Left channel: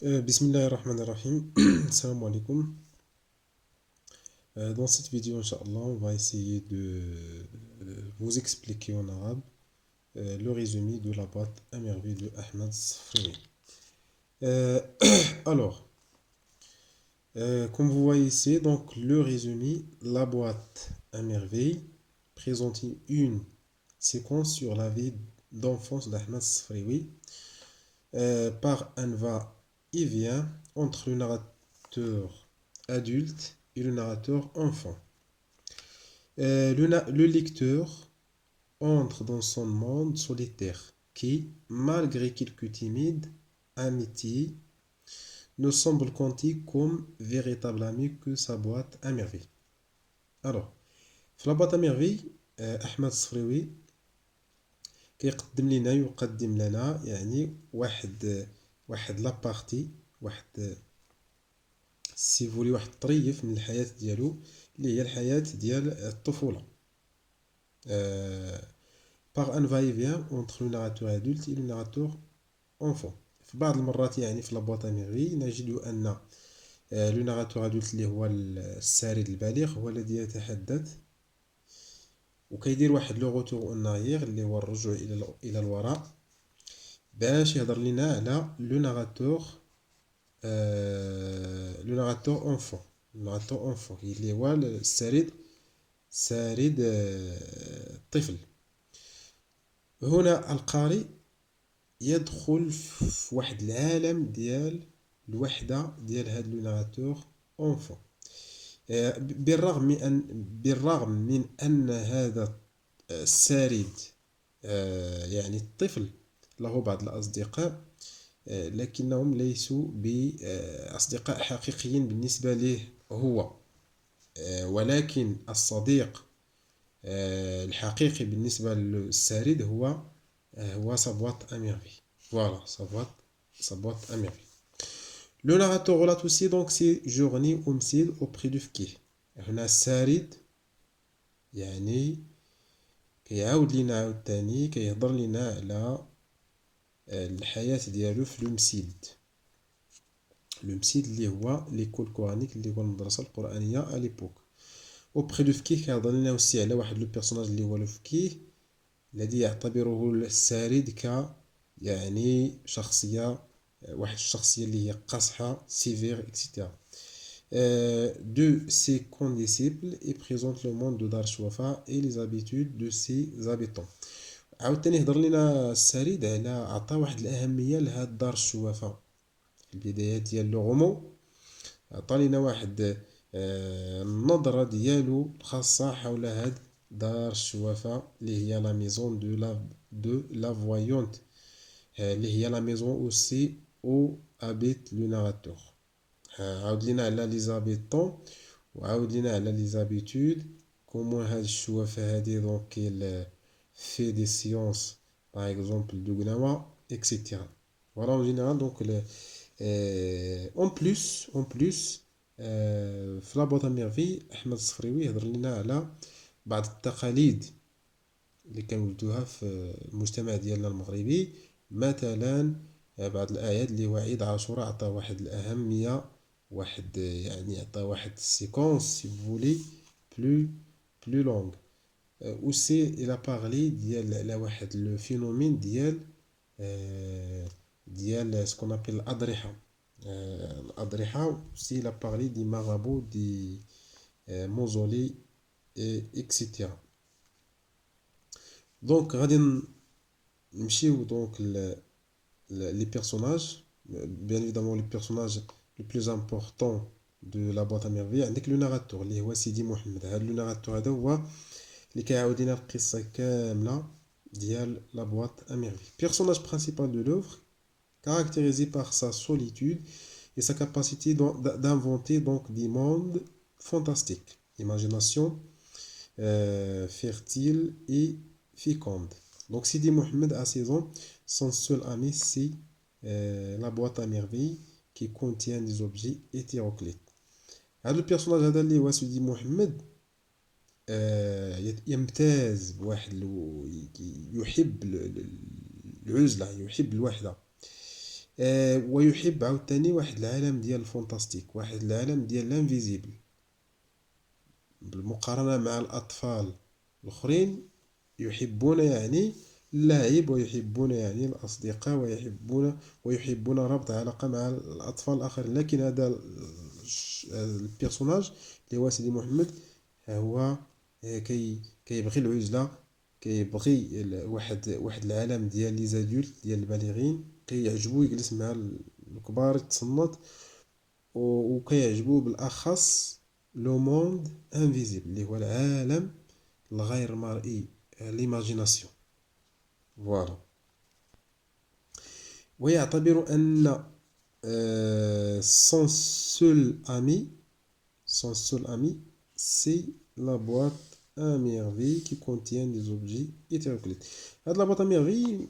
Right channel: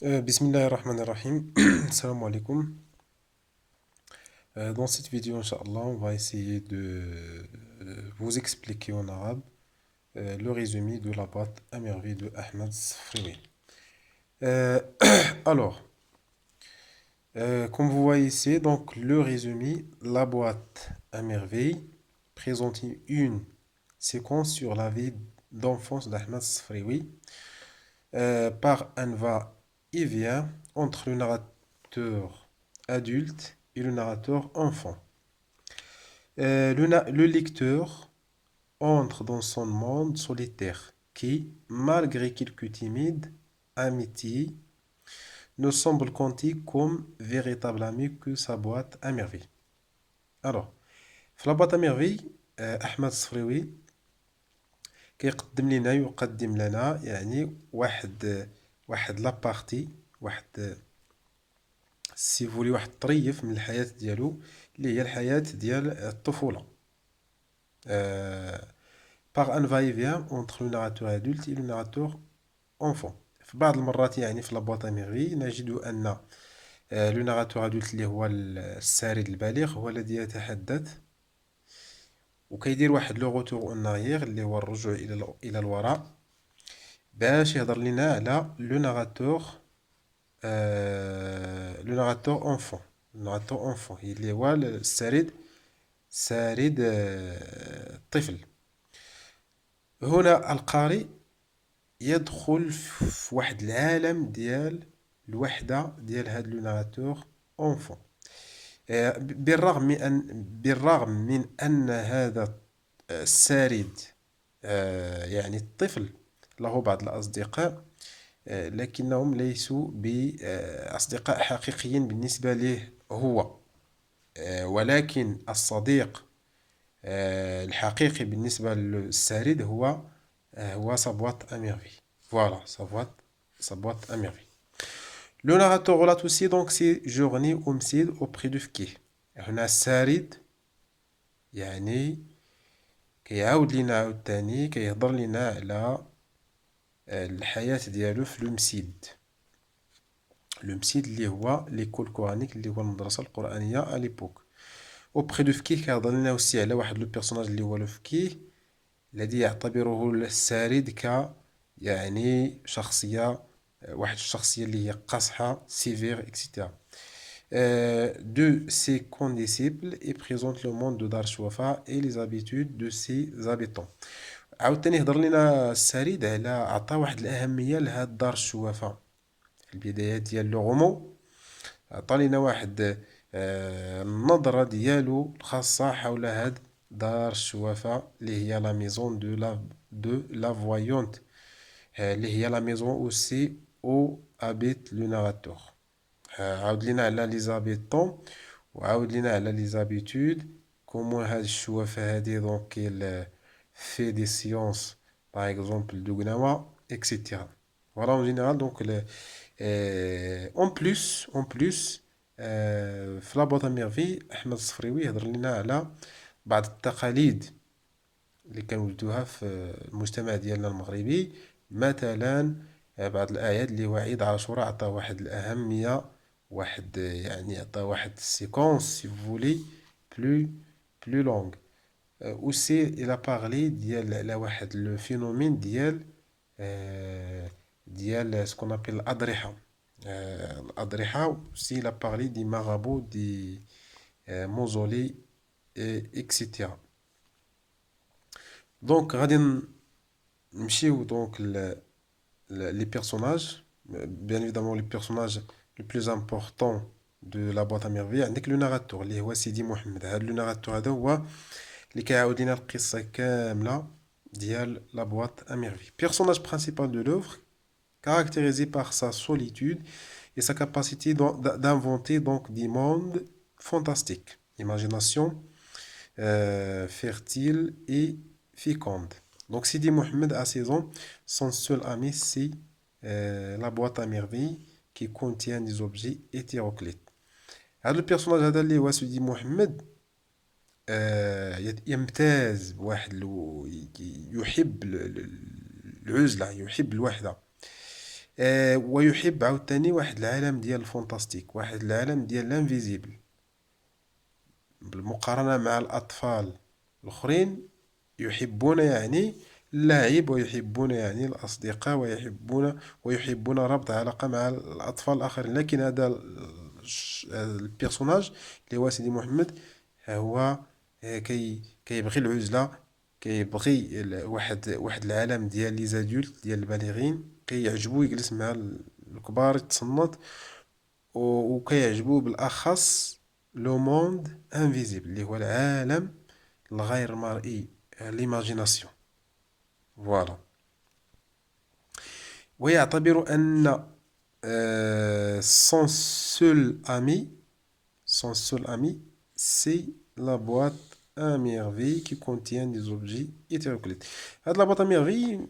Bismillahirrahmanirrahim. Salam alaikum. Dans cette vidéo, Inch'Allah, on va essayer de vous expliquer en arabe le résumé de la boîte à merveille de Ahmed Sfriwi. Euh, alors, comme vous voyez ici, donc le résumé, la boîte à merveille présente une séquence sur la vie d'enfance d'Ahmed Sfriwi par un va-et-vient entre le narrateur adulte et le narrateur enfant. Le lecteur entre dans son monde solitaire qui, malgré quelques timides amitiés, ne semble compter comme véritable ami que sa boîte à merveille. Alors, في la boîte à merveille أحمد الصفريوي كيقدم لنا يقدم لنا يعني واحد لابارتي واحد سي فولي واحد الطريف من الحياة ديالو اللي هي الحياة ديال الطفولة par un va-et-vient entre le narrateur adulte et le narrateur enfant. في بعض المرات يعني في لابواط ميغي نجد أن لو ناراتور ادولت اللي هو السارد البالغ هو الذي يتحدث وكيدير واحد لو غوتور اون اريير اللي هو الرجوع الى الوراء باش يهضر لنا على لو ناراتور اونفون لو ناراتور اونفون اللي هو سارد الطفل. هنا القارئ يدخل في واحد العالم ديال الوحدة ديال هاد لو ناراتور اونفون. بالرغم من أن هذا السارد يعني الطفل له بعض الأصدقاء لكنهم ليسوا بأصدقاء حقيقيين بالنسبة له هو ولكن الصديق الحقيقي بالنسبة للسارد هو صبوات أميرفي. Voilà, صبوات أميرفي. Le narrateur relate aussi donc ses journées homicides auprès de Fkih. هنا السارد يعني كيعاود لينا عاوتاني كيهضر لينا على الحياة ديالو في لو مسيد اللي هو ليكول كورانيك اللي هو المدرسة القرآنية أليبوك. auprès de فكيه كيهضر لنا وسي على واحد لو بيرسوناج اللي هو لو فكيه الذي يعتبره السارد يعني شخصية واحد الشخصية اللي هي قاصحة سيفير اكسيتيرا. De ses condisciples et présente le monde de Dar Shwafa et les habitudes de ses habitants. عاوتاني هضر لنا السريد على عطى واحد الأهمية لهاد دار الشوافة في البدايات ديال لو غومون. عطى لنا واحد النظرة ديالو الخاصة حول هاد دار الشوافة اللي هي لا ميزون دو لا فوايونت اللي هي لا ميزون اوسي او ابيت لو ناراتور. عاود لينا على لي زابيتون وعاود لينا على لي زابيتود كومون هاد الشوافة هادي دونك كيل في دي سيونس باغ اكزومبل دو غناوا اكسيتيرا. فوالا اون جينيرال دونك اون بلوس في لابوط ميرفي احمد الصفريوي يهضر لنا على بعض التقاليد اللي كنوجدوها في المجتمع ديالنا المغربي. مثلا بعض الاعياد اللي هو عيد عاشوراء عطى واحد الاهميه واحد يعني عطى واحد السيكونس سي فولي بلو لونغ. aussi il a parlé ديال على واحد لو فينومين ديال ce qu'on appelle الأضرحة. الأضرحة aussi il a parlé des marabouts des mausolées etc. donc غادي نمشيو donc les personnages. Bien évidemment les personnages les plus importants de la boîte à merveilles عندك لو ناراتور اللي هو سيدي محمد. هذا لو ناراتور هذا هو اللي كيعاود لنا القصة كاملة ديال لا boîte à merveilles. Personnage principal de l'œuvre caractérisé par sa solitude et sa capacité d'inventer donc des mondes fantastiques. Imagination fertile et féconde. Donc Sidi Mohamed a 16 ans, son seul ami c'est la boîte à merveilles qui contient des objets hétéroclites. هذا البيرسوناج هذا اللي هو سيدي محمد يمتاز بواحد يحب العزلة يحب الوحدة. ويحب عاوتاني واحد العالم ديال الفونتاستيك، واحد العالم ديال لانفيزيبل، بالمقارنة مع الأطفال الآخرين يحبون يعني اللعب، ويحبون يعني الأصدقاء، ويحبون ربط علاقة مع الأطفال الآخرين. لكن هذا البيرسوناج اللي هو سيدي محمد هو كيبغي العزلة، كيبغي واحد العالم ديال لي زادولت ديال البالغين، كيعجبو يجلس مع الكبار يتصنت، وكيعجبو بالأخص لو موند انفيزيبل اللي هو العالم الغير مرئي، ليماجيناسيون. فوالا. ويعتبر أن son seul ami, c'est la boîte à merveille qui contient des objets hétéroclites. هاد la boîte à merveille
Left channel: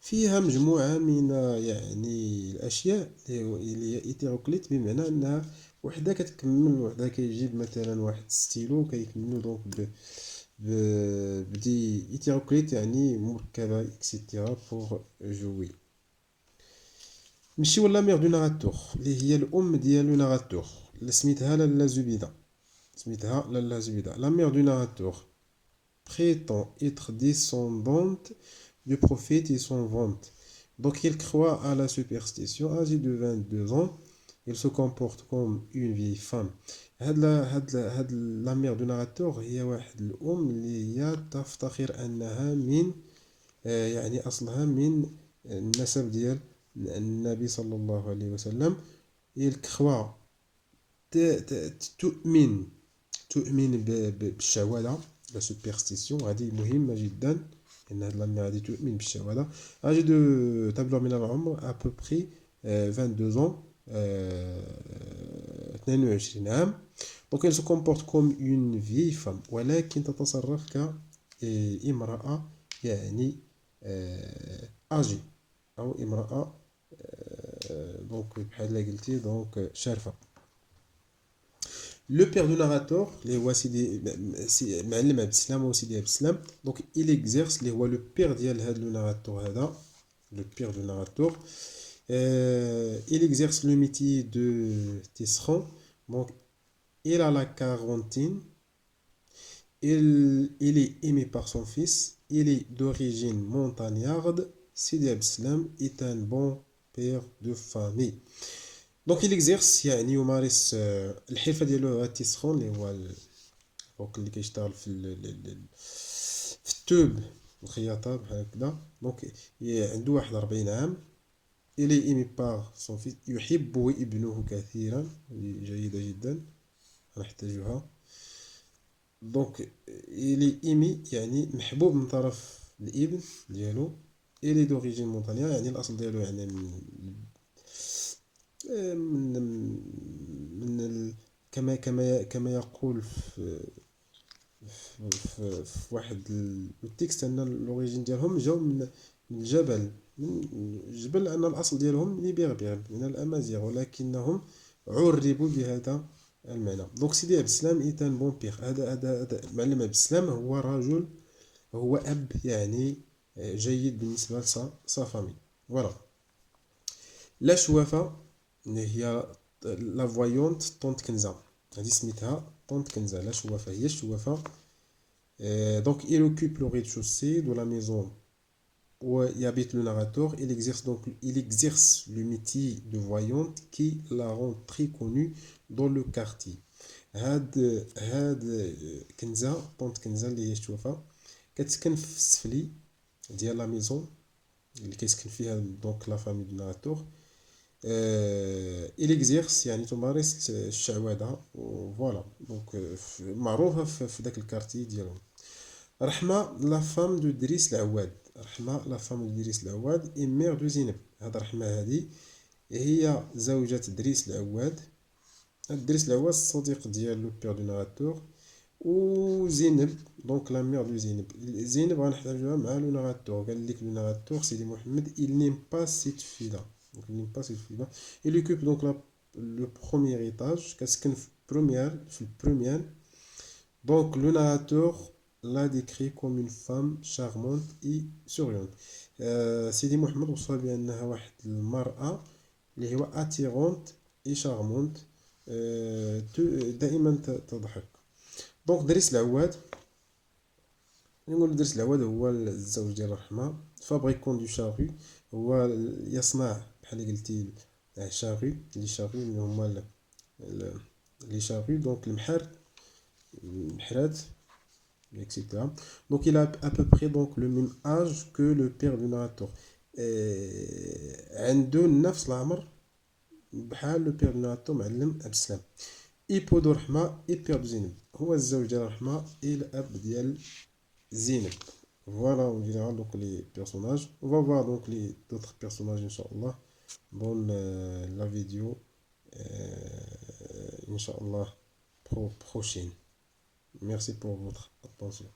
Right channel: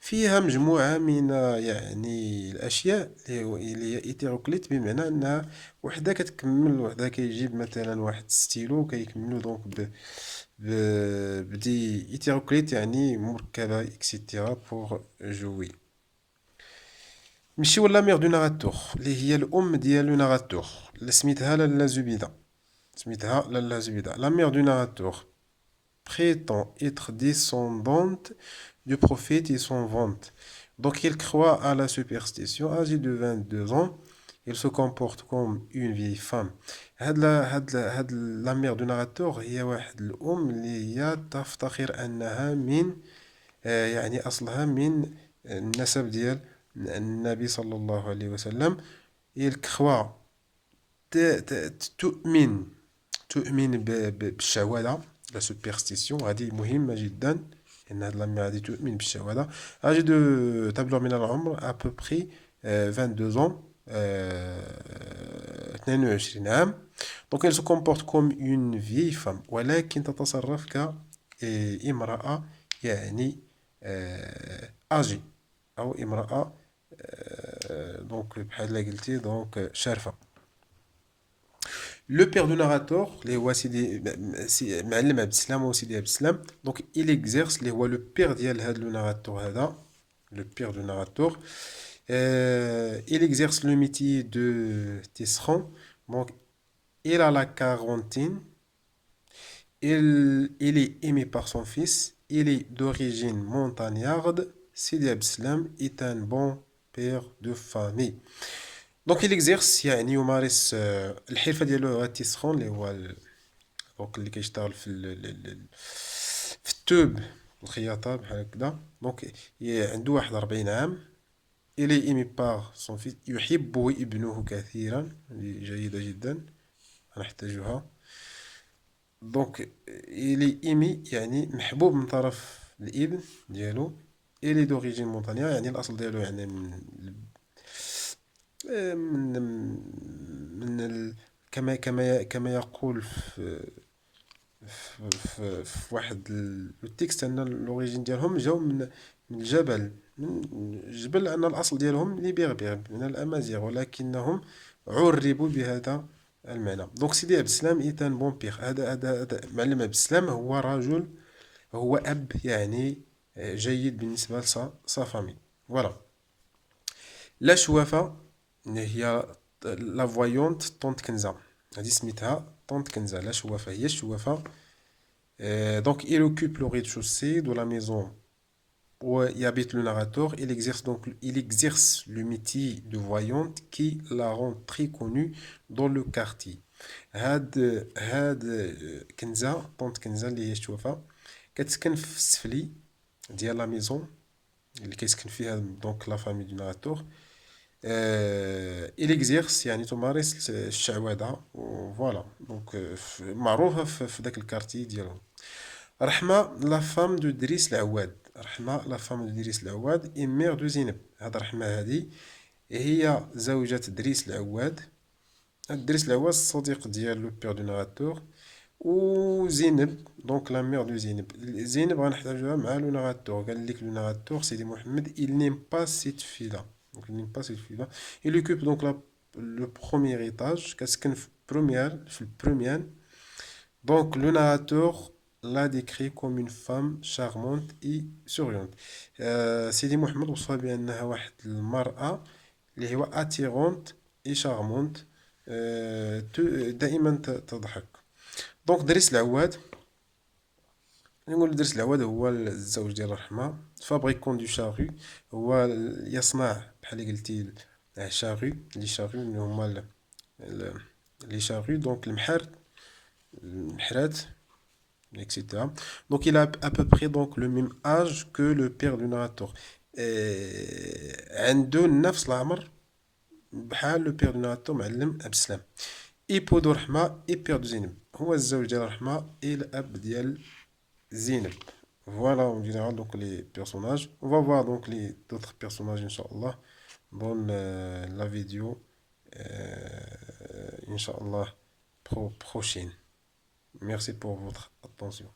فيها مجموعة من يعني الأشياء اللي هي hétéroclite، بمعنى أنها وحدة كتكمل وحدة. كيجيب مثلا واحد ستيلو كيكملو دونك بدي hétéroclite يعني مركبة اكسيتيرا بور جوي. نمشيو لا ميغ دو ناراتور اللي هي الأم ديال لو ناراتور اللي سميتها لالا زبيدة. La mère du narrateur prétend être descendante du prophète et son vante. Donc il croit à la superstition. Âgé de 22 ans, il se comporte comme une vieille femme. La mère du narrateur هي واحد الأم اللي هي تفتخر أنها من يعني أصلها من النسب ديال النبي صلى الله عليه وسلم. il croit تؤمن بالشعوذة، لا سوبرستيسيون. هذه مهمة جدا لأن هذه لامي هذه تؤمن بالشعوذة. أجي دو تبلغ من العمر أبوبخي 22 ans، 22 عام. دونك elle se comporte comme une vieille femme، ولكن تتصرف كامرأة يعني أجي أو امرأة دونك بحال اللي قلتي دونك شارفة. Le père du narrateur اللي هو سيدي معلم عبد السلام ou سيدي عبد السلام. Donc il exerce اللي هو le père ديال هذا le narrateur هذا، le père du narrateur. Il exerce le métier de tisserand. Donc il a la quarantaine. Il est aimé par son fils. Il est d'origine montagnarde. Sidi Abd Salam est un bon père de famille. دونك il exerce يعني يمارس الحرفة ديالو هو التسخون اللي هو دونك اللي كيشتغل في التوب الخياطة بحال هكذا. دونك عنده 41 عام. il est aimé par son fils، يحبه ابنه كثيرا، جيدة جدا نحتاجها. دونك il est aimé يعني محبوب من طرف الابن ديالو. il est d'origine montagnarde يعني الأصل ديالو يعني من كما يقول في واحد التكست ان الاوريجين ديالهم جاو من الجبل، من الجبل، ان الاصل ديالهم لي بيربير من الامازيغ، ولكنهم عربوا بهذا المعنى. دونك سيدي عبد السلام ايتان بون بيغ. هذا معلم عبد السلام هو رجل، هو اب يعني جيد بالنسبه لسا فامي. فوالا. لا شوافه هي لا فوايونت طونت كنزة، هذه سميتها طونت كنزة. لا شوافة هي الشوافة. Donc il occupe le rez-de-chaussée de la maison où y habite le narrateur. Il exerce le métier de voyante qui la rend très connue dans le quartier. هاد كنزة طونت كنزة اللي هي الشوافة كتسكن في السفلي ديال لا ميزون اللي كيسكن فيها دونك لا فامي دو ناراتور. il exerce يعني تمارس الشعوذة. فوالا. دونك معروفة في ذاك الكارتي ديالهم. رحمة لا فام دو دريس العواد. رحمة لا فام دو دريس العواد ميغ دو زينب. هاد رحمة هادي هي زوجة دريس العواد. دريس العواد الصديق ديال لو بير دو ناراتور. و زينب دونك لا ميغ دو زينب. زينب غنحتاجوها مع لو ناراتور. قال لك لو ناراتور سيدي محمد il n'aime pas cette fille-là. Donc il n'aime pas cette fille-là. Il occupe donc le premier étage. Qu'est-ce qu'il fait? Le premier. Donc le narrateur l'a décrit comme une femme charmante et souriante. سيدي محمد وصف بأنها واحد المرأة اللي هو attirante et charmante. دائما تضحك. دونك دريس العواد، نقول درس العواد هو الزوج ديال الرحمة، فابريكون دو شارو، هو يصنع بحال قلتي شارو، لي شارو اللي هما لي شارو، دونك المحرات etc. Donc il a à peu près donc le même âge que le père du narrateur. عنده نفس العمر بحال لو بير دو narrateur معلم عبد السلام. ايبو دو رحمة اي بير دو زينب، هو الزوج ديال رحمة اي الاب ديال زينب. Voilà en général donc les personnages. On va voir donc les d'autres personnages Inch'Allah dans la vidéo Inch'Allah prochaine. Merci pour votre attention.